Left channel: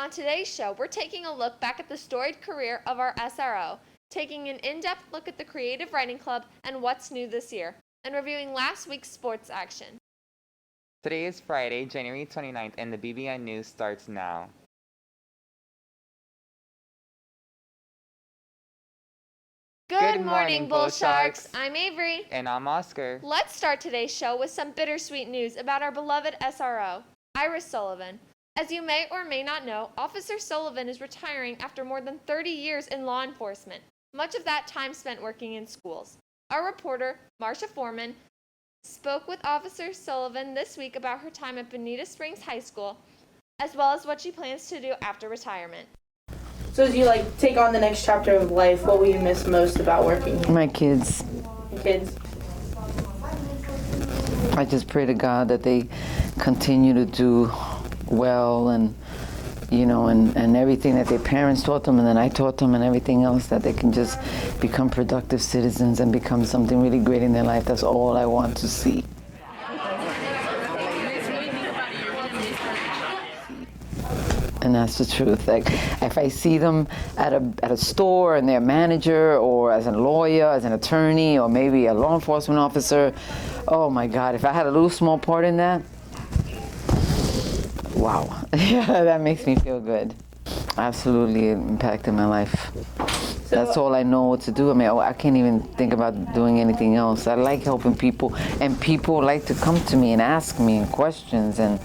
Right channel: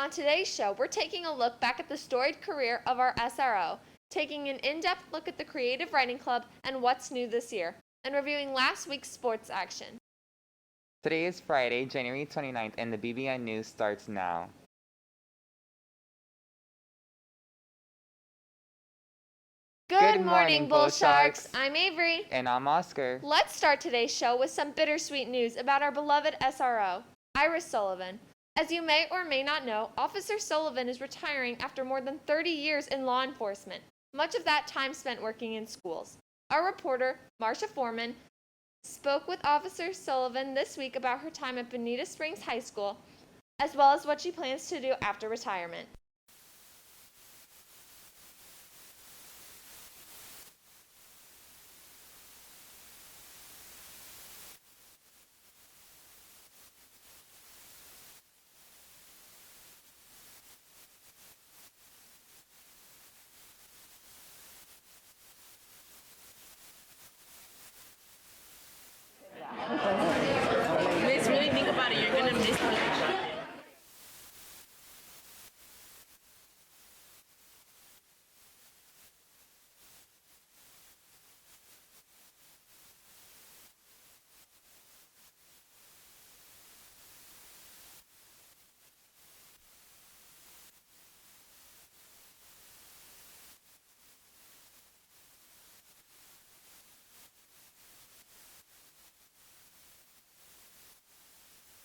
On today's show, we're taking a look back at the storied career of our SRO, taking an in-depth look at the Creative Writing Club and what's new this year, and reviewing last week's sports action. Today is Friday, January 29th, and the BBN News starts now. Good morning, Bull Sharks! I'm Avery. And I'm Oscar. Let's start today's show with some bittersweet news about our beloved SRO, Iris Sullivan. As you may or may not know, Officer Sullivan is retiring after more than 30 years in law enforcement, much of that time spent working in schools. Our reporter, Marcia Foreman, spoke with Officer Sullivan this week about her time at Bonita Springs High School, as well as what she plans to do after retirement. So as you take on the next chapter of life, what will you miss most about working here? My kids. Your kids? I just pray to God that they continue to do well and everything that their parents taught them and then I taught them and everything else, that they can just become productive citizens and become something really great in their life. That's all I want to see. And that's the truth. Like, if I see them at a store and they're a manager or as a lawyer, as an attorney, or maybe a law enforcement officer, oh my God, if I had a little small part in that, wow. Yeah, that makes me feel good. Absolutely impacted my life. That's all I know what to do. I mean, I can't even think about doing anything else. I like helping people, and people like to come to me and ask me questions, and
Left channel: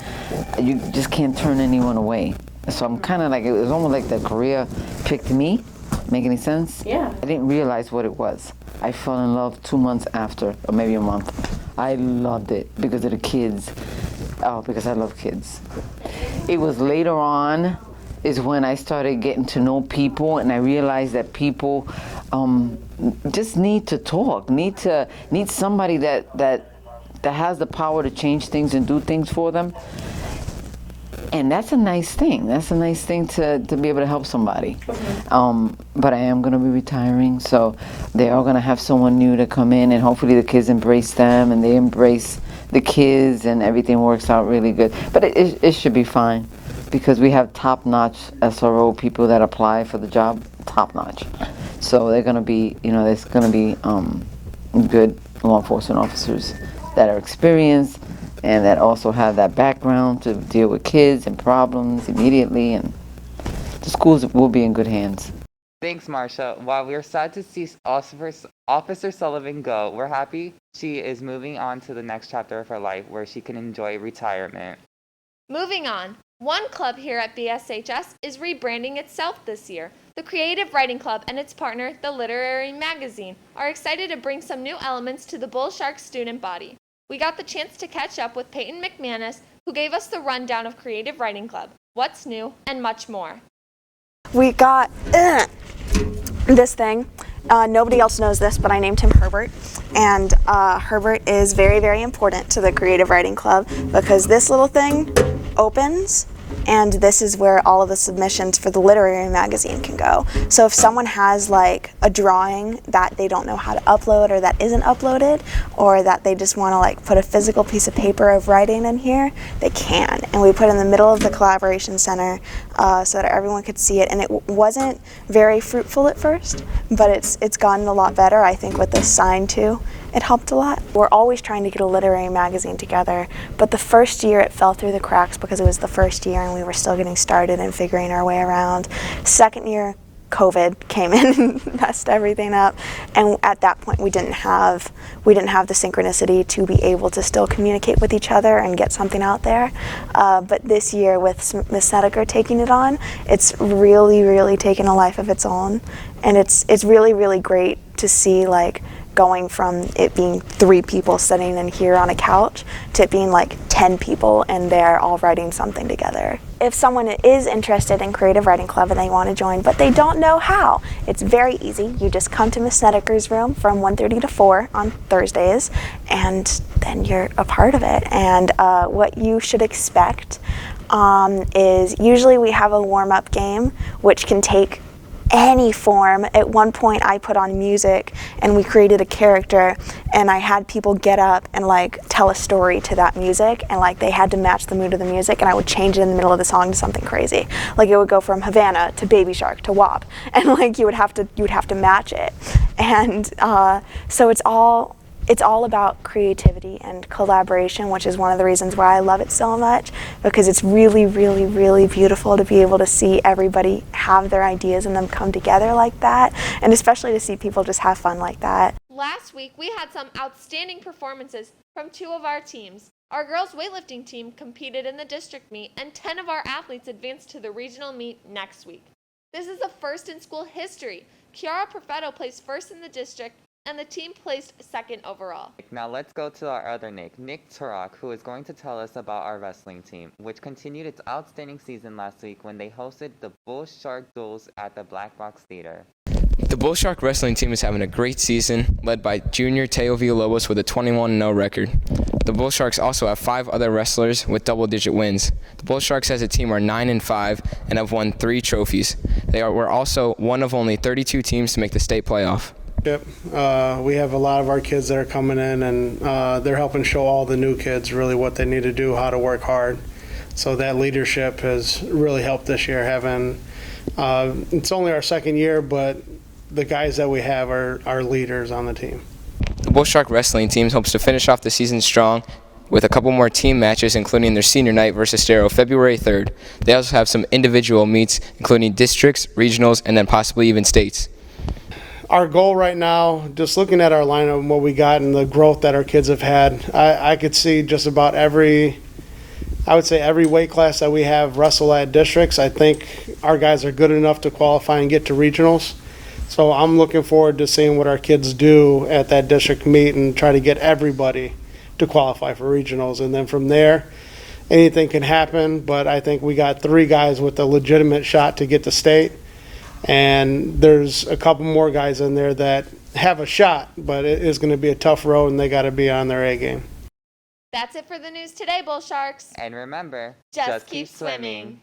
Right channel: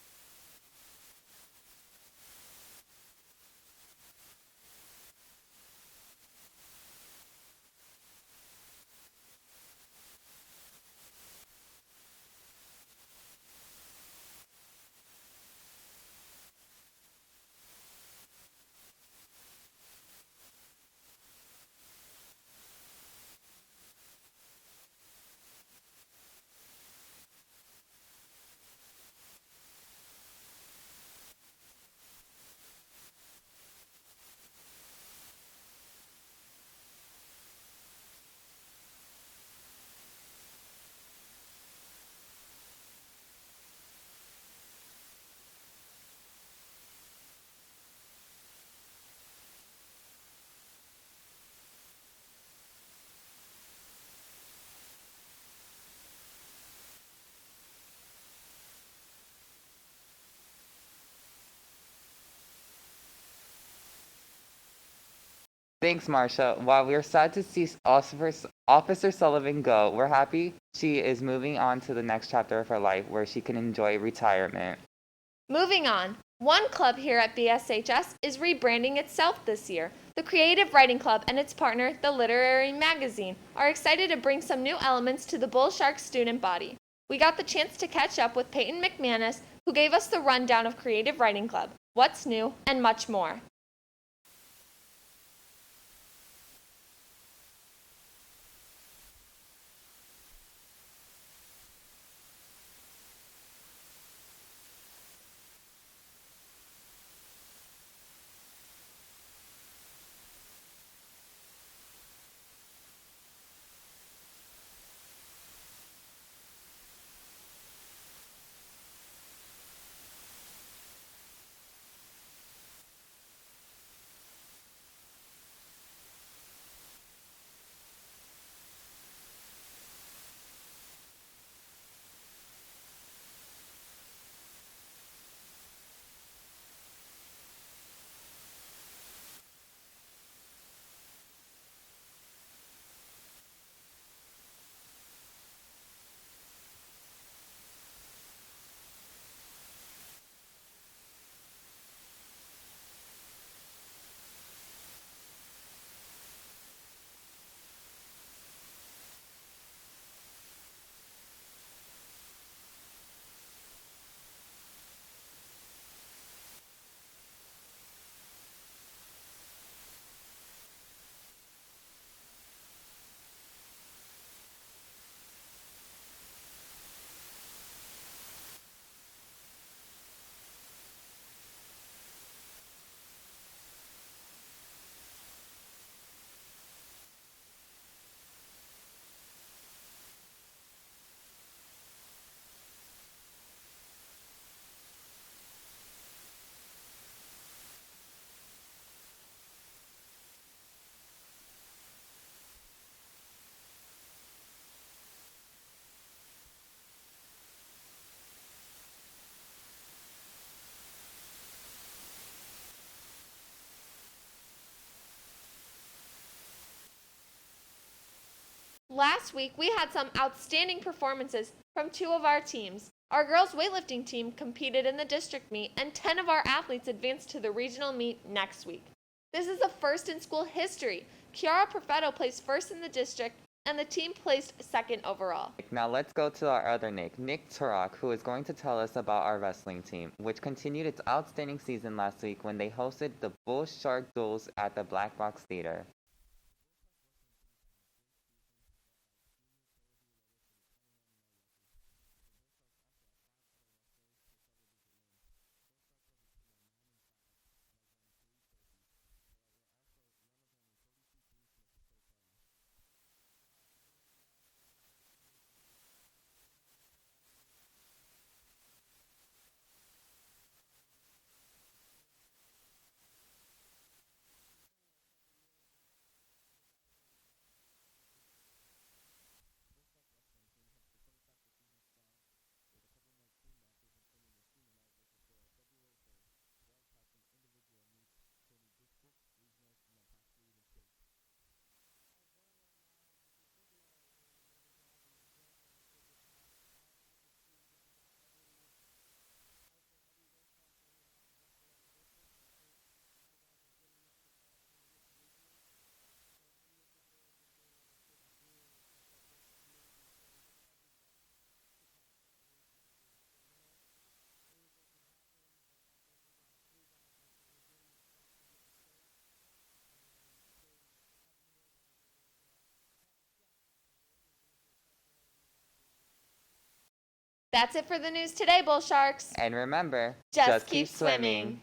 you just can't turn anyone away. So I'm kind of like, it was almost like the career picked me. Make any sense? Yeah. I didn't realize what it was. I fell in love 2 months after, or maybe a month. I loved it because of the kids. Oh, because I love kids. It was later on is when I started getting to know people, and I realized that people just need to talk, need somebody that has the power to change things and do things for them. And that's a nice thing. That's a nice thing to be able to help somebody. But I am going to be retiring, so they are going to have someone new to come in, and hopefully the kids embrace them and they embrace the kids, and everything works out really good. But it should be fine, because we have top-notch SRO people that apply for the job, top-notch. So they're going to be, there's going to be good law enforcement officers that are experienced and that also have that background to deal with kids and problems immediately, and the schools will be in good hands. Thanks, Marcia. While we're sad to see Officer Sullivan go, we're happy she is moving on to the next chapter of her life where she can enjoy retirement. Moving on, one club here at BSHS is rebranding itself this year. The Creative Writing Club and its partner, the Literary Magazine, are excited to bring some new elements to the Bull Sharks student body. We got the chance to catch up with Peyton McManus, who gave us the rundown of Creative Writing Club, what's new, and much more. We got this thing. Nobody else knows this, but I named him Herbert. And Herbert is very, very important to the Creative Writing Club because this little thing opens, and this is where all of the submissions for the literary magazine can go. So if someone has a drawing that they don't know how to upload, or that isn't uploaded, or that they just want to put a physical piece of paper of writing in here, they can. And we put it in the middle of the collaboration center so that everyone could see it. And it wasn't very fruitful at first, but it's gotten a lot better, I think, with this sign too. It helped a lot. We're always trying to get a literary magazine together, but the first year it fell through the cracks because it was the first year and we were still getting started and figuring our way around. Second year, COVID came in and messed everything up, and at that point we didn't have the synchronicity to be able to still communicate with each other and get something out there. But this year, with Miss Snedeker taking it on, it's really, really taken a life of its own, and it's really, really great to see going from it being 3 people sitting in here on a couch to it being 10 people and they're all writing something together. If someone is interested in Creative Writing Club and they want to join but they don't know how, it's very easy. You just come to Miss Snedeker's room from 1:30 to 4 on Thursdays, and then you're a part of it. And what you should expect is usually we have a warm-up game which can take any form. At one point I put on music and we created a character, and I had people get up and like tell a story to that music, and like they had to match the mood of the music, and I would change it in the middle of the song to something crazy. Like it would go from Havana to Baby Shark to WAP, and like you would have to match it. And so it's all about creativity and collaboration, which is one of the reasons why I love it so much, because it's really, really, really beautiful to be able to see everybody have their ideas and them come together like that, and especially to see people just have fun like that. Last week, we had some outstanding performances from 2 of our teams. Our girls' weightlifting team competed in the district meet, and 10 of our athletes advanced to the regional meet next week. This is the first in school history. Kiara Perfetto placed first in the district, and the team placed second overall. Now let's go to our other Nick Turok, who is going to tell us about our wrestling team, which continued its outstanding season last week when they hosted the Bull Shark Duels at the Black Box Theater. The Bull Shark wrestling team is having a great season, led by junior Teo Villalobos with a 21-0 record. The Bull Sharks also have 5 other wrestlers with double-digit wins. The Bull Sharks as a team are 9-5 and have won 3 trophies. We're also one of only 32 teams to make the state playoff. Yep. We have a lot of our kids that are coming in, and they're helping show all the new kids really what they need to do, how to work hard. So that leadership has really helped this year. It's only our second year, but the guys that we have are leaders on the team. The Bull Shark wrestling team hopes to finish off the season strong with a couple more team matches, including their senior night versus Stero February 3rd. They also have some individual meets, including districts, regionals, and then possibly even states. Our goal right now, just looking at our lineup and what we got and the growth that our kids have had, I could see just about every weight class that we have wrestle at districts. I think our guys are good enough to qualify and get to regionals. So I'm looking forward to seeing what our kids do at that district meet and try to get everybody to qualify for regionals. And then from there, anything can happen, but I think we got 3 guys with a legitimate shot to get to state. And there's a couple more guys in there that have a shot, but it is going to be a tough road, and they got to be on their A game. That's it for the news today, Bull Sharks. And remember, Just keep swimming.